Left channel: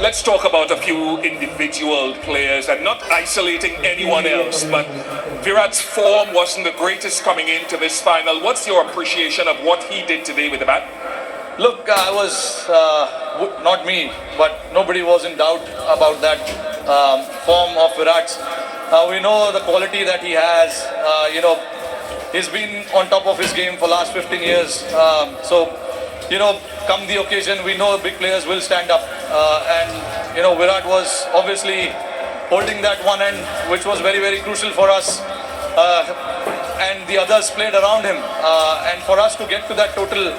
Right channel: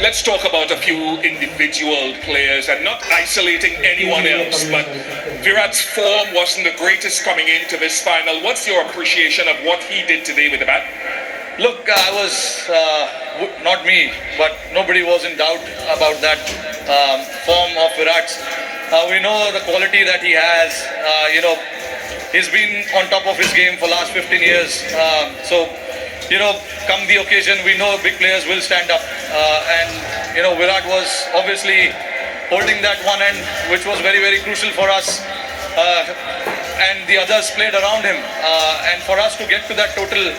Let's talk about a few individual players and not isolating anyone else, but Virat's form wasn't the greatest coming into this final. What's your appreciation of what he did today with the bat? Look, I was, not me, but nobody was in doubt about that form of Virat's. We know the quality that he has. He's been on top of his game for last 15 years. Come the occasion, we know big players will stand up. Virat was obviously holding that one end, which was very, very crucial for us. And the others played around him. And for us to get to that total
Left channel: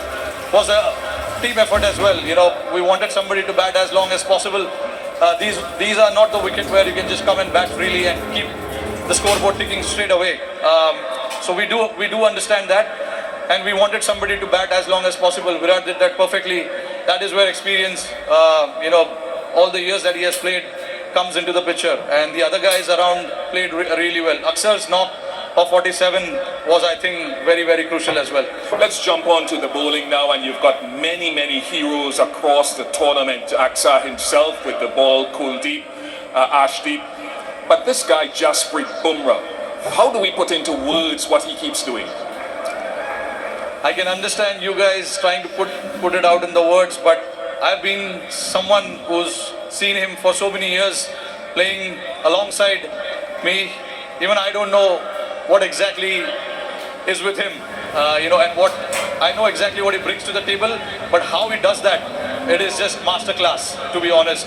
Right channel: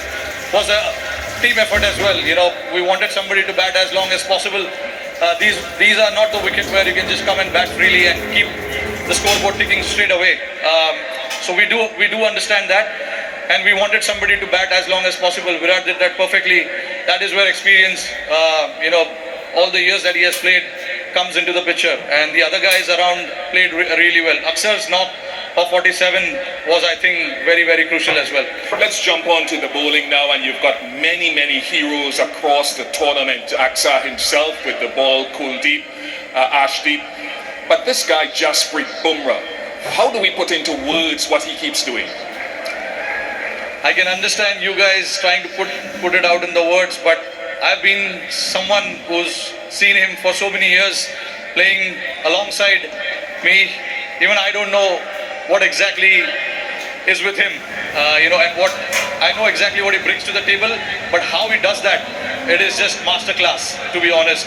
was a team effort as well. We wanted somebody to bat as long as possible. These are not the wickets where you can just come and bat freely and keep the scoreboard ticking straight away. So we do understand that, and we wanted somebody to bat as long as possible. Virat did that perfectly. That is where experience, all the years that he has played comes into the picture. And the other guys around played really well. Aksar's knock of 47 was, I think, very, very crucial as well. Let's jump on to the bowling now, and you've got many, many heroes across the tournament. Axar himself with the ball, Kuldeep, Ashdeep. But this guy, Jasprit Bumrah, how do we put into words what he keeps doing? I can understand you guys trying to put it out in the words, but I've been someone who's seen him for so many years playing alongside me. Even I don't know what exactly is with him, and what I know exactly what he brings to the table, but how he does that, it is just masterclass, to be honest.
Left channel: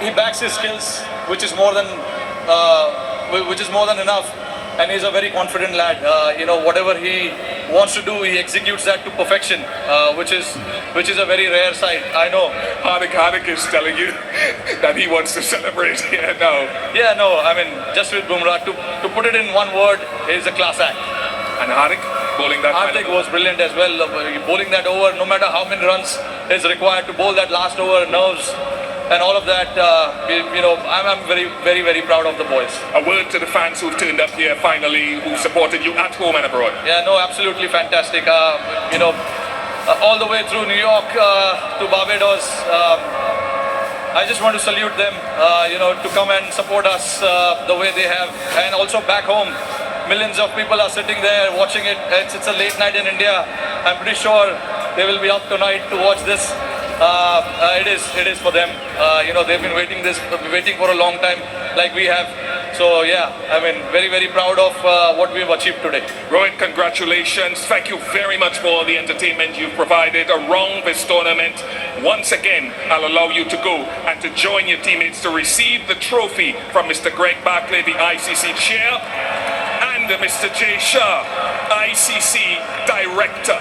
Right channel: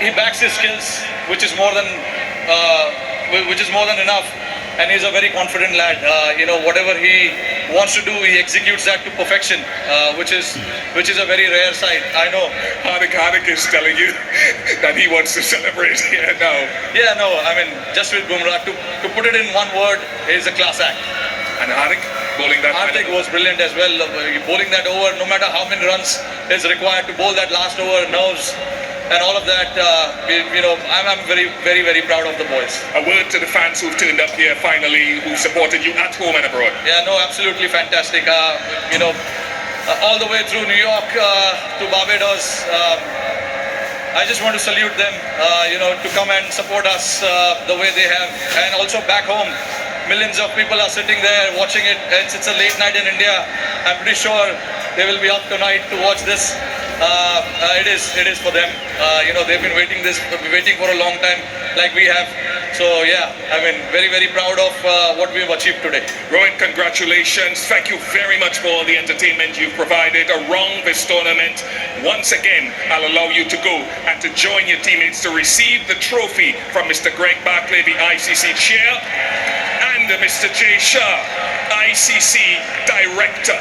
He backs his skills, which is more than enough. And he's a very confident lad. Whatever he wants to do, he executes that to perfection, which is a very rare sight. I know. Hardik is telling you that he wants to celebrate here now. Yeah, no, I mean, Jasprit Bumrah, to put it in one word, is a class act. And Hardik bowling that. Hardik was brilliant as well. Bowling that over, no matter how many runs is required to bowl that last over, nerves and all of that, I'm very, very, very proud of the boys. A word to the fans who've turned up here finally, who supported you at home and abroad. Yeah, no, absolutely fantastic. All the way through New York to Barbados, I just want to salute them, to come and support us the way they have. And also back home, millions of people are sitting there watching it. It's a late night in India. I'm pretty sure they will be up tonight to watch this. It is for them. They've been waiting for a long time, like we have. So yeah, I mean, very, very proud of what we've achieved today. Rohit, congratulations. Thank you very much for all the entertainment you've provided around this tournament. Once again, I'll allow you to go and to join your teammates to receive the trophy from Mr. Greg Barclay, the ICC chair, and Mr. Jay Shah, ICC director.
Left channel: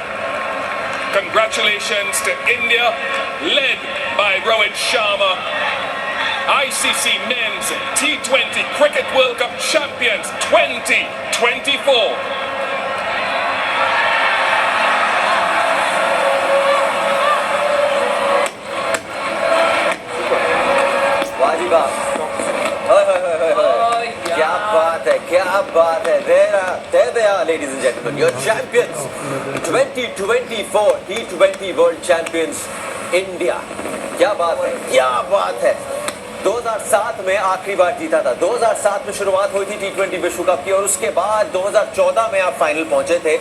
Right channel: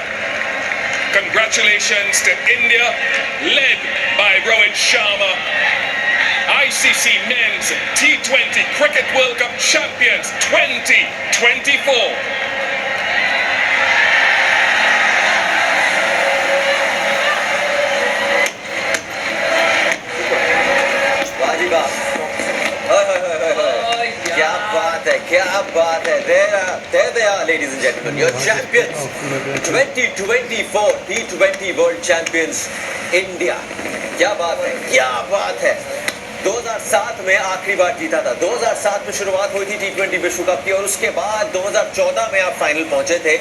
Congratulations to India, led by Rohit Sharma, ICC Men's T20 Cricket World Cup Champions 2024. क्या बात है there they are, ladies and gentlemen, your champions, 2024 T20 World Champions India. क्या बात है 2007 में आखिरी बार जीता था, 2007 में शुरुआत हुई थी T20 विश्व कप की, और उसके बाद 2014 में आप फाइनल पहुंचे थे।